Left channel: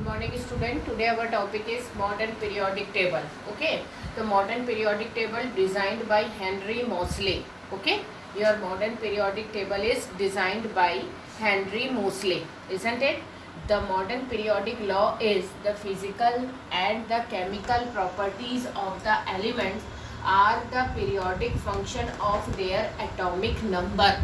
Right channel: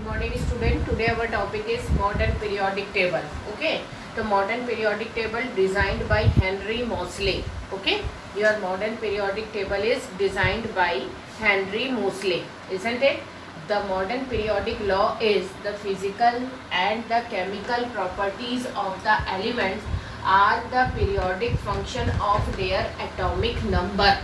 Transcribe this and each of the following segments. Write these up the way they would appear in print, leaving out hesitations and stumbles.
Good morning, student. Today our topic is modern periodic table. Okay, the modern periodic table designed by Henry Moseley. Okay, your modern periodic table is designed by Henry Moseley, isn't it? The modern periodic law is the physical and the chemical properties of the elements are the periodic function of their atomic number.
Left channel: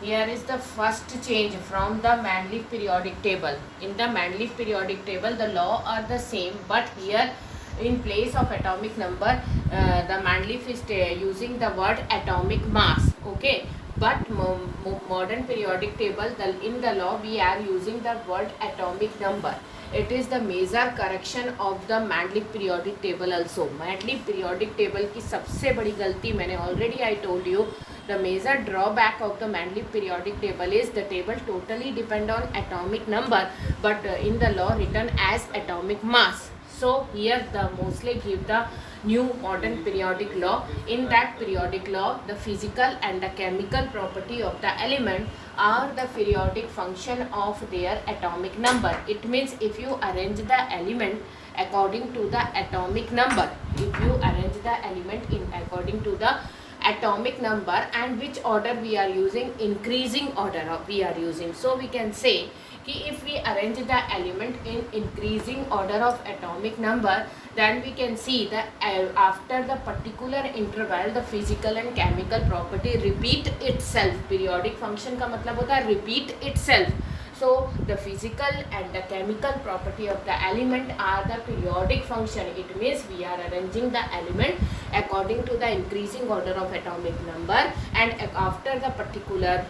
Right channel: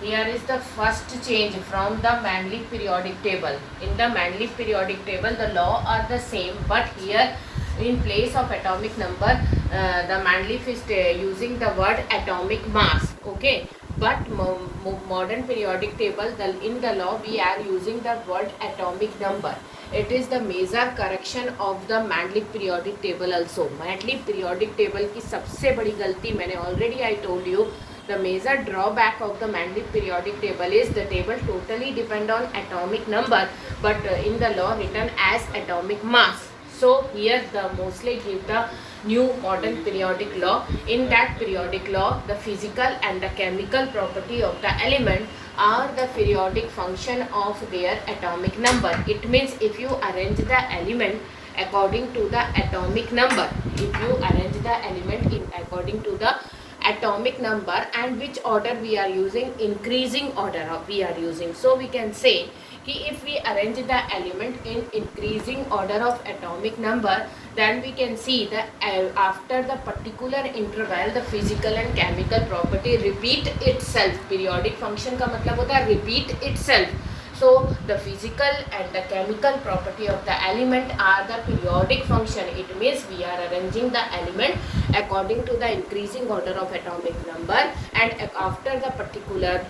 Here is the first change from the Mendeleev periodic table. In the Mendeleev periodic table, the law are the same, but here in place of atomic number, the Mendeleev is using the word atomic mass. Okay, but modern periodic table, in the law, we are using the word atomic number. It is the major correction of the Mendeleev periodic table also. Mendeleev periodic table की सबसे बड़ी गलती मैंने already I told you. The major drawback of the Mendeleev periodic table is the table totally depend on atomic number, but in the law written as atomic mass. So here the Moseley give the new modern periodic law. In that periodic law, the physical and the chemical property of the element are the periodic function of their atomic number. It means if you arrange the element according to the atomic number, if you arrange the element in according to the atomic number, and which order we are using, increasing order we are using. So we can say if we arrange the element in increasing order of atomic number, then we can see that after the particular interval the physical and chemical property repeat itself. Periodic function का मतलब होता है repeat itself. So the physical and the chemical property of the element are the periodic function. It means we are arranging the element according to the increasing order of atomic number, and after the particular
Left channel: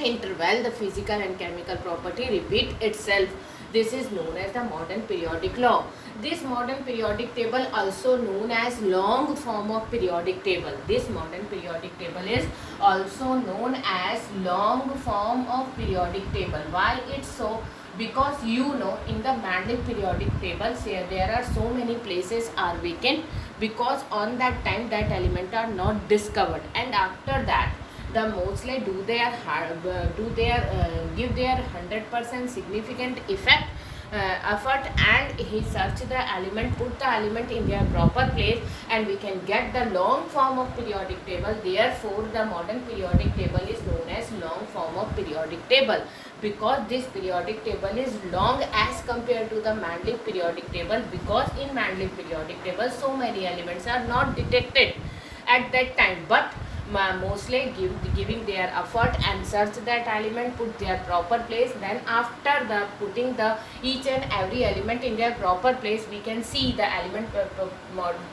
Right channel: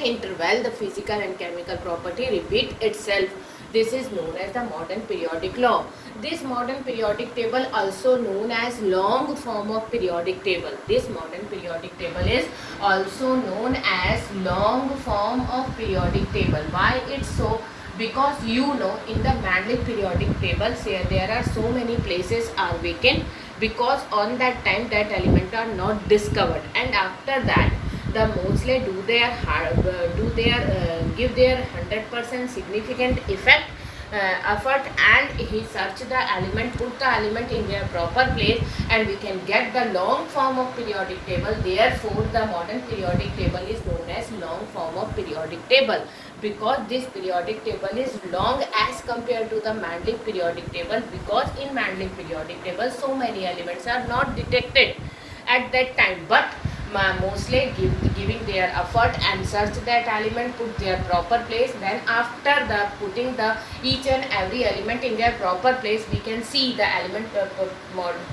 interval the physical and chemical property repeat itself. This is known as the modern periodic law. This modern periodic table also known as long form of periodic table. This modern periodic table is also known as long form of periodic table. Why it's so? Because you know in the Mendeleev periodic table there are so many places are vacant, because on that time that element are not discovered, and after that the Moseley give their 100% significant effort, and he search the element, put the element in their proper place, and we can get the long form of periodic table. Therefore the modern periodic table is known as long form of periodic table, because this periodic table is long as compared to the Mendeleev periodic table, because in Mendeleev periodic table so many elements are not detected at that time, but Moseley giving their effort and search that element, put their proper place. Then after the putting the each and every element in their proper place, we can see the element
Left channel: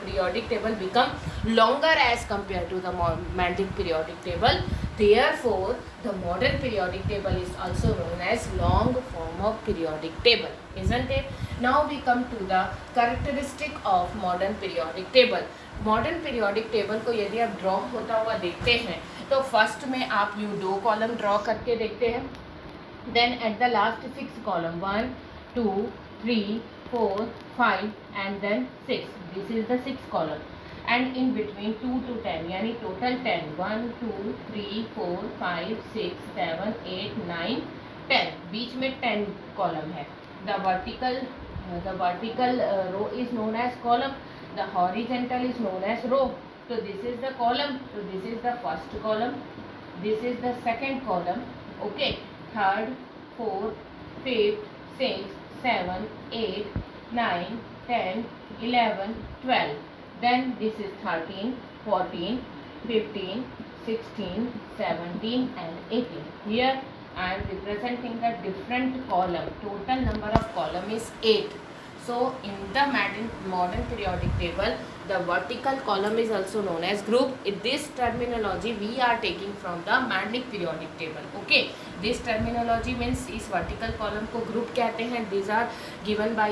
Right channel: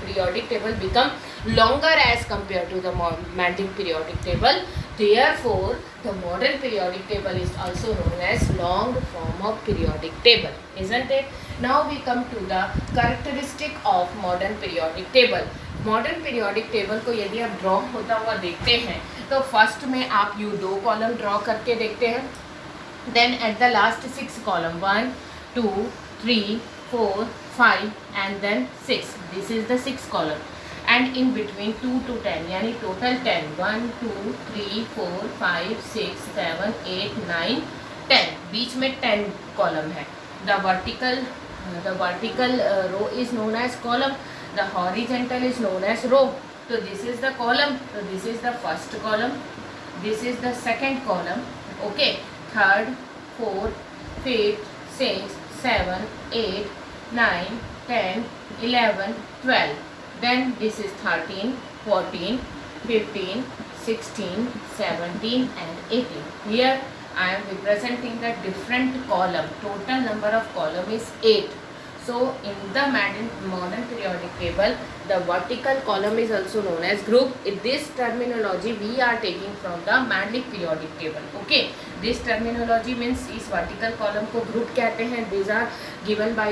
periodic table become longer as compared to the Mendeleev periodic table. Therefore the modern periodic table is also known as long form of periodic table, isn't it? Now we come to the characteristic of modern periodic table. Modern periodic table को यदि आप draw होता हुआ देखते हैं तो first में आप यू 2 कॉलम ड्रॉ करके देखते हैं, then at the last 6 column 1 2 3 4 5 and then 6. This is the 6 column, and in between 2 to 10 यानी टोटल 10 1 2 3 4 5 6 7 8 9 10, बीच में 10 कॉलम है. The vertical row is known as column, the horizontal is known as row. So this is the column, so this is the first column, this is the second column. Okay, third, fourth, fifth, sixth, 7 8 9 10 11 12, then this is 13 14 15 16 17 and 18. Here I am representing the different column. Total number of column is 8. So in the modern periodic table, the vertical column is also known as group. In this terminology we are taking from the Mendeleev periodic table. Okay, this terminology means इस vertical column को group कहते हैं. These are given by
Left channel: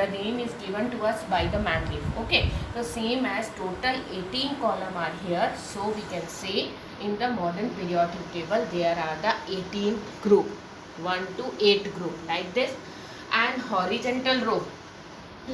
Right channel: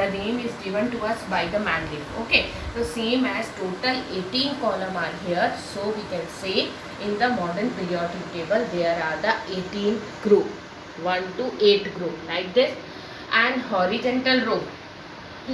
the name is given to us by the Mendeleev. Okay, so same as total 18 column are here, so we can say in the modern periodic table there are the 18 group, 1 to 8 group like this. And horizontal row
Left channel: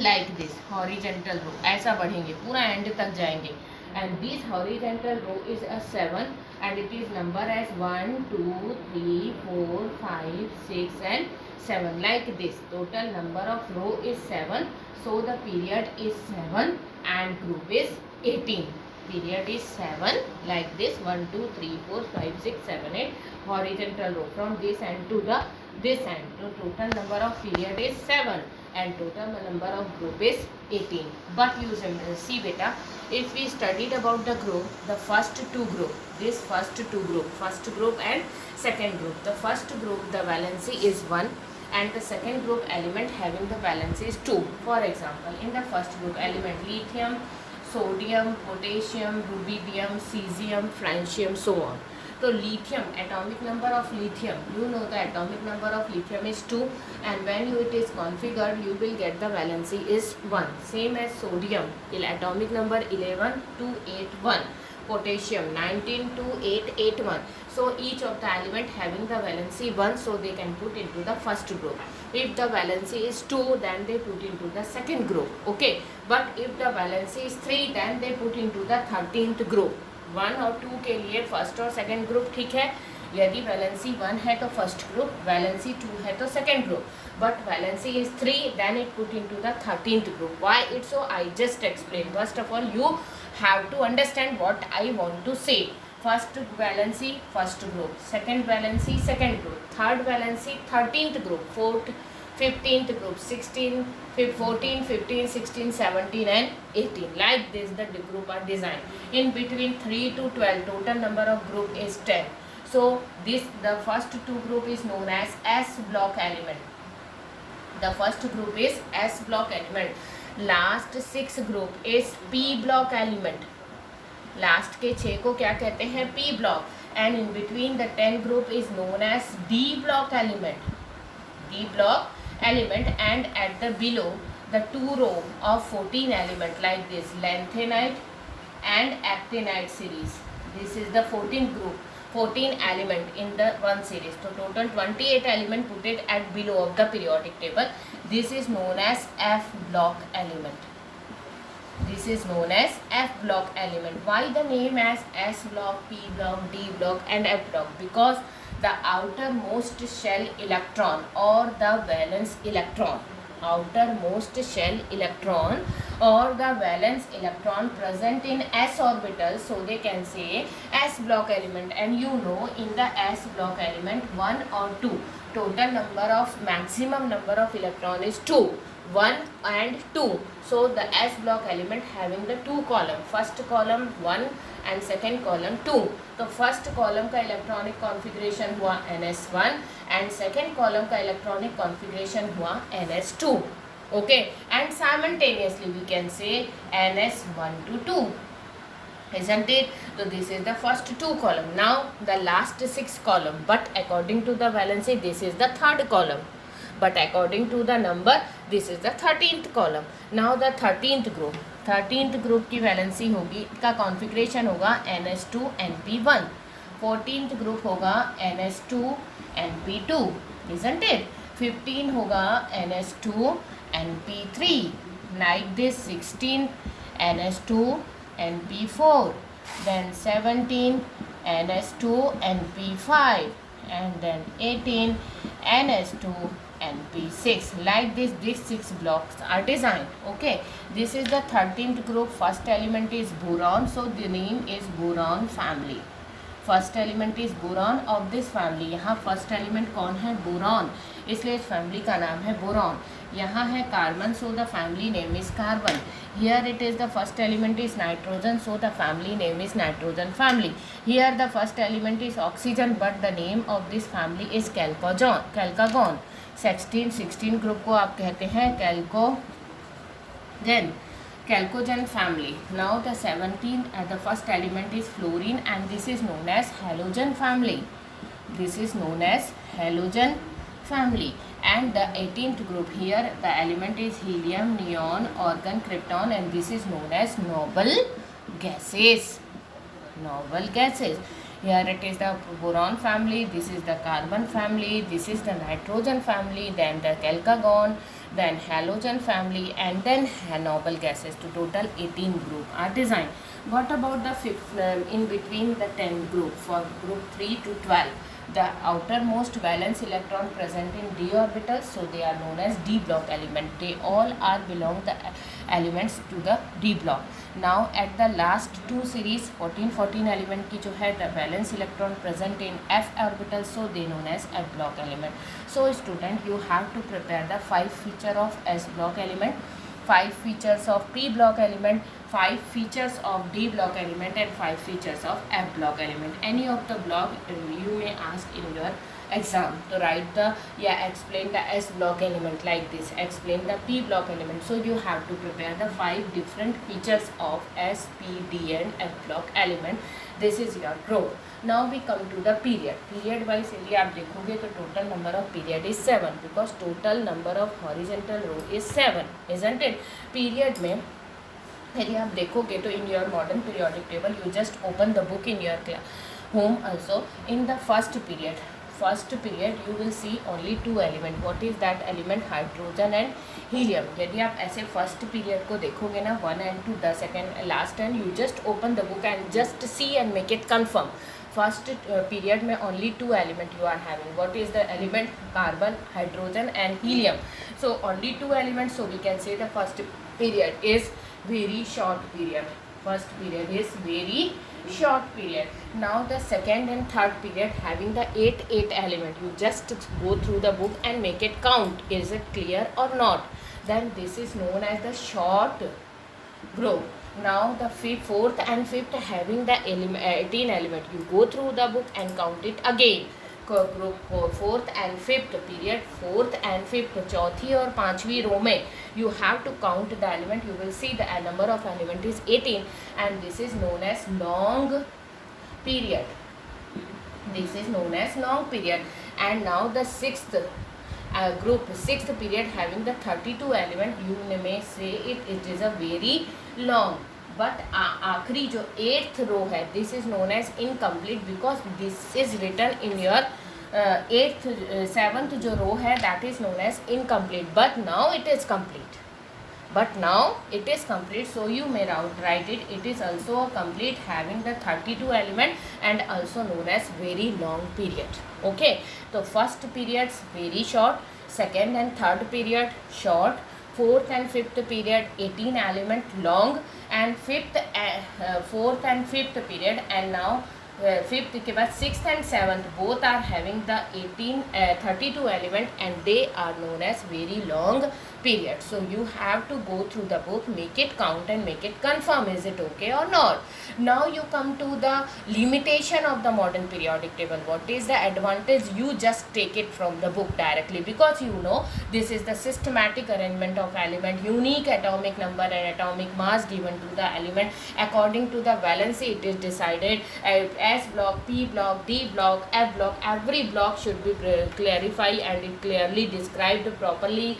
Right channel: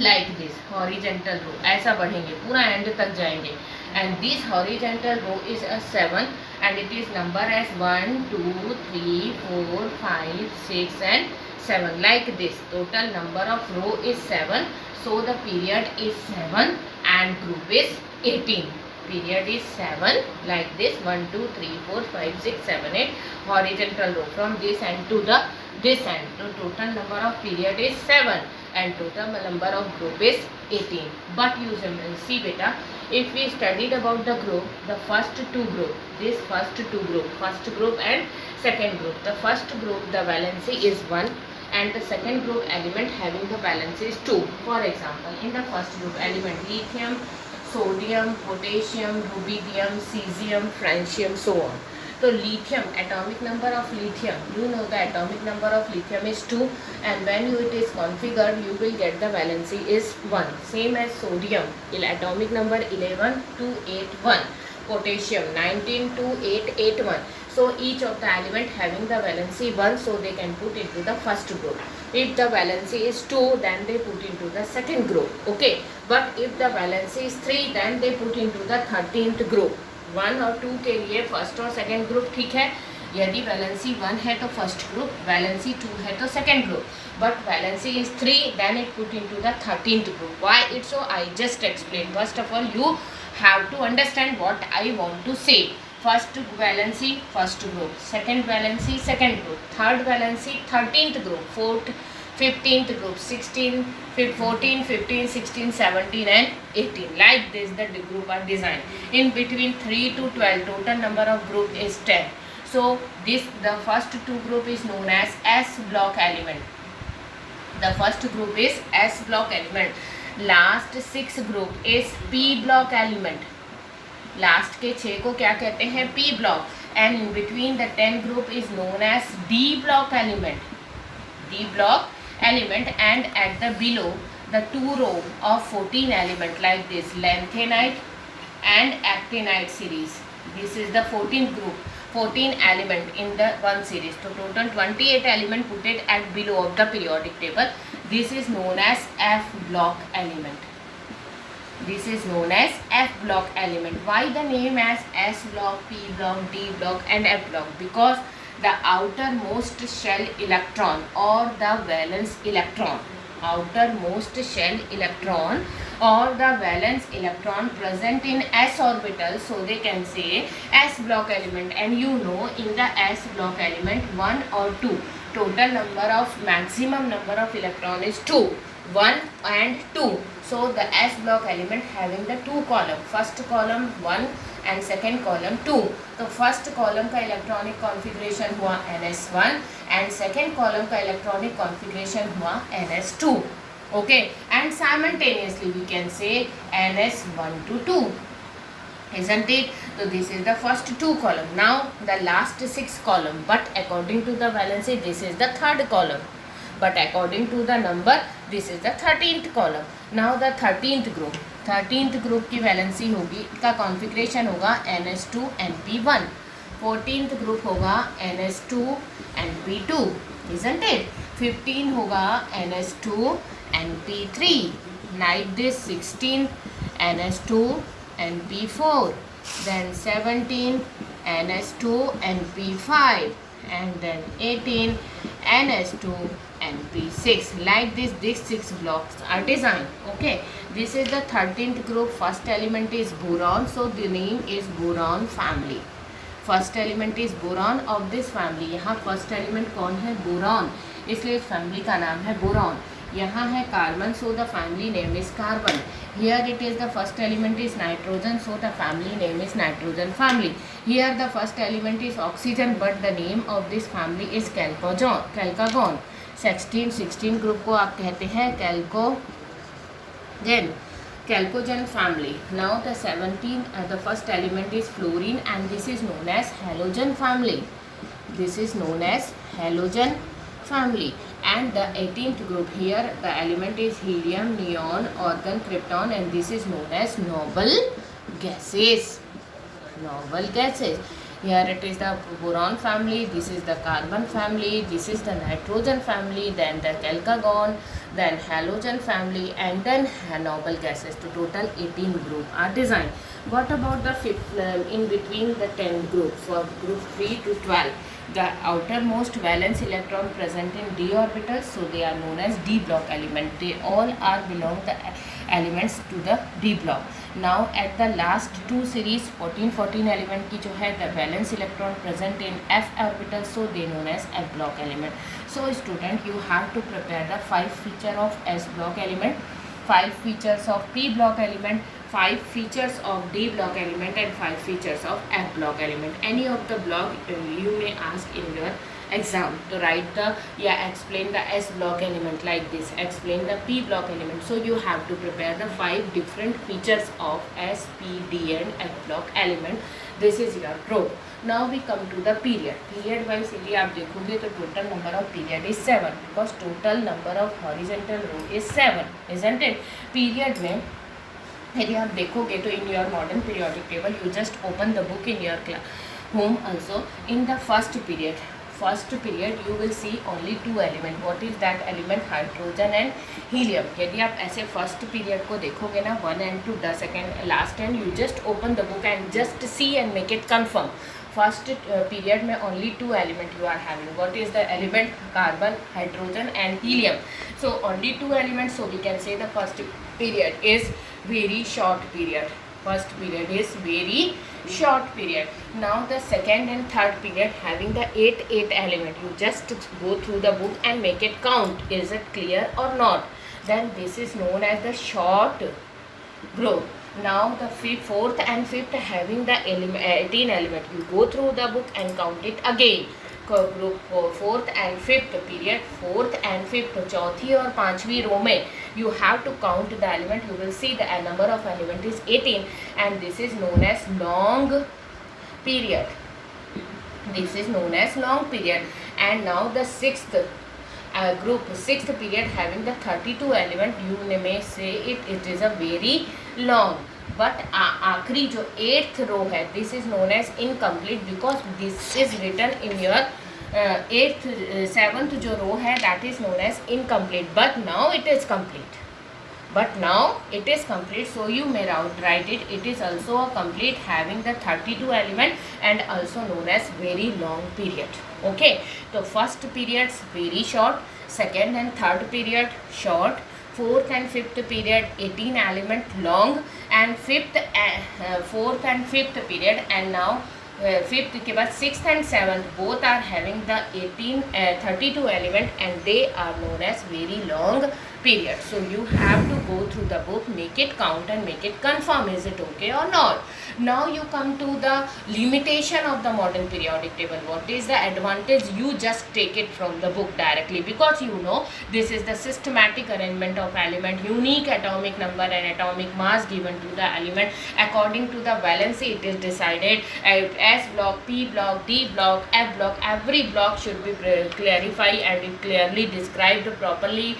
like this, horizontal row ऐसा बढ़ेंगे पूरा end तक जाएंगे, and this horizontal row is a 7 and it is number as 1 2 3 4 5 6 and 7 like this. Total number of row is 7, so the period is 7 and group is 18. Period is 7 like this. 1 2 3 4 5 6 7 8 horizontal row from this end to this end. So total number of period is 7 and total number of group is 18. But you see beta, if we studied about the group, the first two group, this first group and second group. The first group, the valency is 1 and the second group element having the valency is 2. For example, in the first group element lithium, sodium, potassium, rubidium, cesium, francium, so on. So lithium, atomic number of lithium, you know the atomic number of lithium is 2 and when it is configured you will get the valency is 1. Same as sodium, atomic number 11,281, potassium 19,2881. So each of the element having the valency 1, so they can put into the first group. If the valency is 2, then they put into the second group. Okay, but if the valency is 3, then they put into the 13th group. 1 और 2 के लिए first और second group ठीक है. यदि valency 1 है तो first group, valency 2 है तो second group, but valency is 3, then it put into the 13th group. Why it's so? I just explain. First of all you have to understand what I want to say. First valency first group, second valency second group, third valency 13th group, fourth 15th group, 16, 14, 15, 16, 17 and 18. Like this the group are designed. In between 3 to 12 total number of group is 10. So this the first two group is known as S block element. The first group is S block element. Last 6 group is P block element. Last के 6 को क्या कहते हैं? P block. And in between the 10 group is known as D block element. D block element. And at the below the 2 row of 14 element like this, lanthanide and actinide series. This is the 14th group, 14 element in the one series. So total 28 element put it at below of the periodic table. This is known as F block element. This is known as F block element. Why the name as S block, P block, D block and F block? Because the outermost shell electron or the valence electron, outermost shell electron or the valence electron present in s orbital, so they can say s block element. And you know in the s block element 1 or 2, total number of maximum number of electron is 2, 1 and 2. So the s block element having the 2 column, first column 1 and second column 2. तो first column का electronic configuration हुआ ns1 and second column का electronic configuration हुआ ns2. Okay, and simultaneously we can say ns1 to 2, isn't it? So this is the first 2 column. Now the last 6 column, but according to the valency this is the third column, but according to the number this is the 13th column. Now the 13th group, 13th group की valency होगी, का configuration होगा ns2 np1. 14th group होगा ns2 np2, isn't it? 15 होगा ns2 np3, like this. 16 ns2 np4, then 17 ns2 np5 and then 18 ns2 np6. Like this, these 6 blocks are designed. Okay, this is the 13th group. First element is boron, so the name is boron family. First element is boron of this family. यहाँ first element कौन है? Boron, इसलिए इस family का नाम है boron. यहाँ है carbon, so the family name is carbon. Here it is the first element is nitrogen, so the family name is nitrogen family. Here the first element is oxygen, but the name of this family is chalcogen. 16 group को आप कहते हैं chalcogen family. Now the 17 the first element is fluorine and this is known as halogen family. This is known as halogen family. And the 18th group, here the element is helium, neon, argon, krypton and this is known as noble gases. Noble gases. Here it is the boron family, this is the carbon family, this is the nitrogen family, then the chalcagon, then halogen family, and then noble gases. To total 18 group are designed. What about the fifth, in between the 10 group, for group 3 to 12? The outermost valence electron present in d orbitals, so they are known as d block element. They all are belong the elements to the d block. Now at the last two series 14 element की जो है the valence electron present in f orbital, so they known as f block element. So student, you have to prepare the 5 feature of s block element, 5 features of p block element, 5 features of d block element, and 5 features of f block element. Any of the block you may ask in your exam to write the explain the s block element like this, explain the p block element. So you have to prepare the 5 different features of s, p, d and f block element. This is your pro. Now we come to the period. Period wise यदि आप देखोगे तो total number of period is 7, because total number of horizontal row is 7, isn't it? Period में यदि आप देखोगे तो in your modern periodic table, you just open the book in your home also. In the first period you will see only 2 element. What is that element? Hydrogen and helium. यदि आप ऐसे first period को देखोगे ना 1 and 2, the second last time you just open the book and just see and make it confirm. First period में only 2 element you are having. What is the element? Carbon, hydrogen and helium. So only 2 elements, so we can say the first period is very short period. First period is very short period. Now the second and third period having the 8 element. You just go through the book and make it count. Is it clear or not? Then this is known as the short group. Now the fourth and fifth having the 18 element. You go through the book and count it again. Group fourth and fifth period, fourth and fifth, चौथी और पांचवी रो में you have to count the element. You will see the number of element is 18, and this is known as long period. This is known as long period. And now the sixth group, sixth period having the 32 element. You may say it is a very long. But आखिरी जो 8th row है, this is known as incomplete, because this is written in your 8th 7th जो row है that is known as incomplete. But now it is complete. So you may write it. It is also a complete having the 32 element and also known as very long period. Okay, so first periods very short, second and third period short, fourth and fifth period 18 element long, and fourth and fifth period, and now fifth के बाद sixth and seventh both are having the 32 element, and they are known as very long period. So you have to go through the book, make it count and make it confirm is it okay or not. Now you come to the limitation of the modern periodic table. What is the advantage? You just take it from the book directly, because you know this is the systematic arrangement of element, unique atomic number and atomic mass given to the element. According to the valency it is decided S block, P block, D block, F block. Every block should be clarified and it clearly described properly,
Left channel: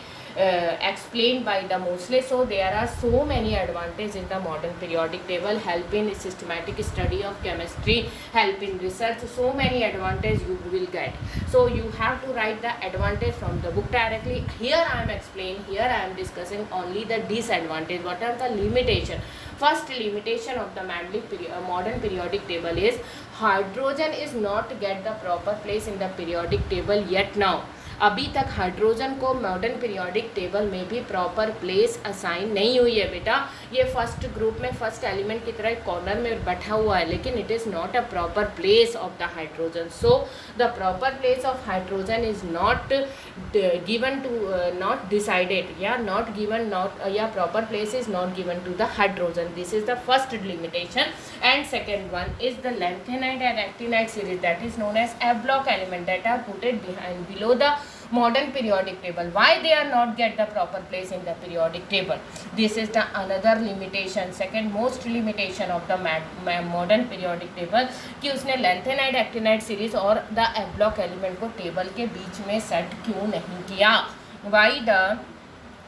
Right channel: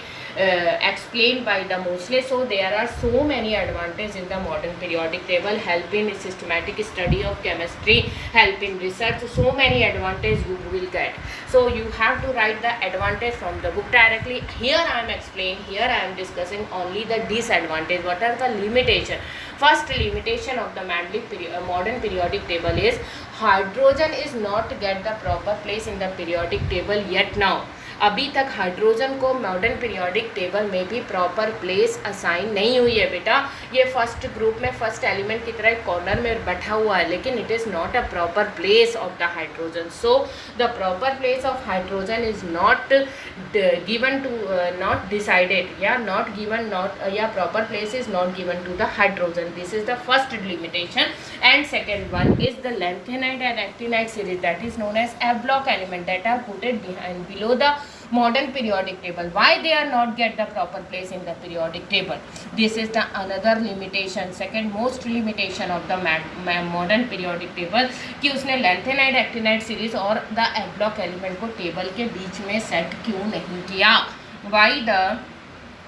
explained by the Mosley. So there are so many advantages in the modern periodic table. Help in systematic study of chemistry, help in research. So many advantages you will get. So you have to write the advantage from the book directly. Here I am explaining. Here I am discussing only the disadvantage. What are the limitation? First limitation of the modern periodic table is hydrogen is not get the proper place in the periodic table yet now. अभी तक hydrogen को modern periodic table में भी proper place assign नहीं हुई है बेटा. ये फर्स्ट ग्रुप में फर्स्ट एलिमेंट की तरह कॉर्नर में बैठा हुआ है, लेकिन it is not a proper place of the hydrogen. So the proper place of hydrogen is not given to, not decided, या नॉट गिवन, नॉट, या proper place is not given to the hydrogen. This is the first limitation. And second one is the lanthanide and actinide series, that is known as F block element, that are puted behind below the modern periodic table. Why they are not get the proper place in the periodic table? This is the another limitation, second most limitation of the modern periodic table, कि उसने lanthanide actinide series और the F block element को table के बीच में set क्यों नहीं किया. Why the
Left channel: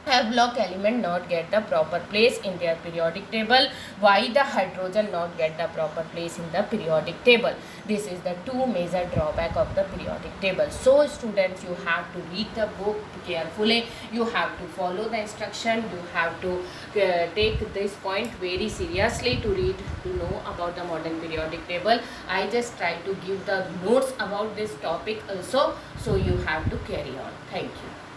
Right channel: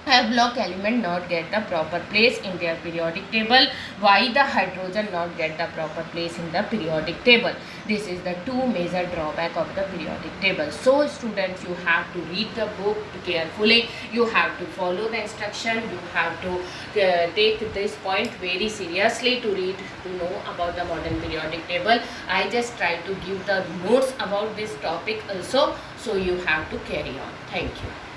block element not get the proper place in their periodic table, why the hydrogen not get the proper place in the periodic table. This is the two major drawback of the periodic table. So students, you have to read the book carefully, you have to follow the instruction, you have to take this point very seriously to read, to know about the modern periodic table. I just try to give the notes about this topic also, so you have to carry on. Thank you.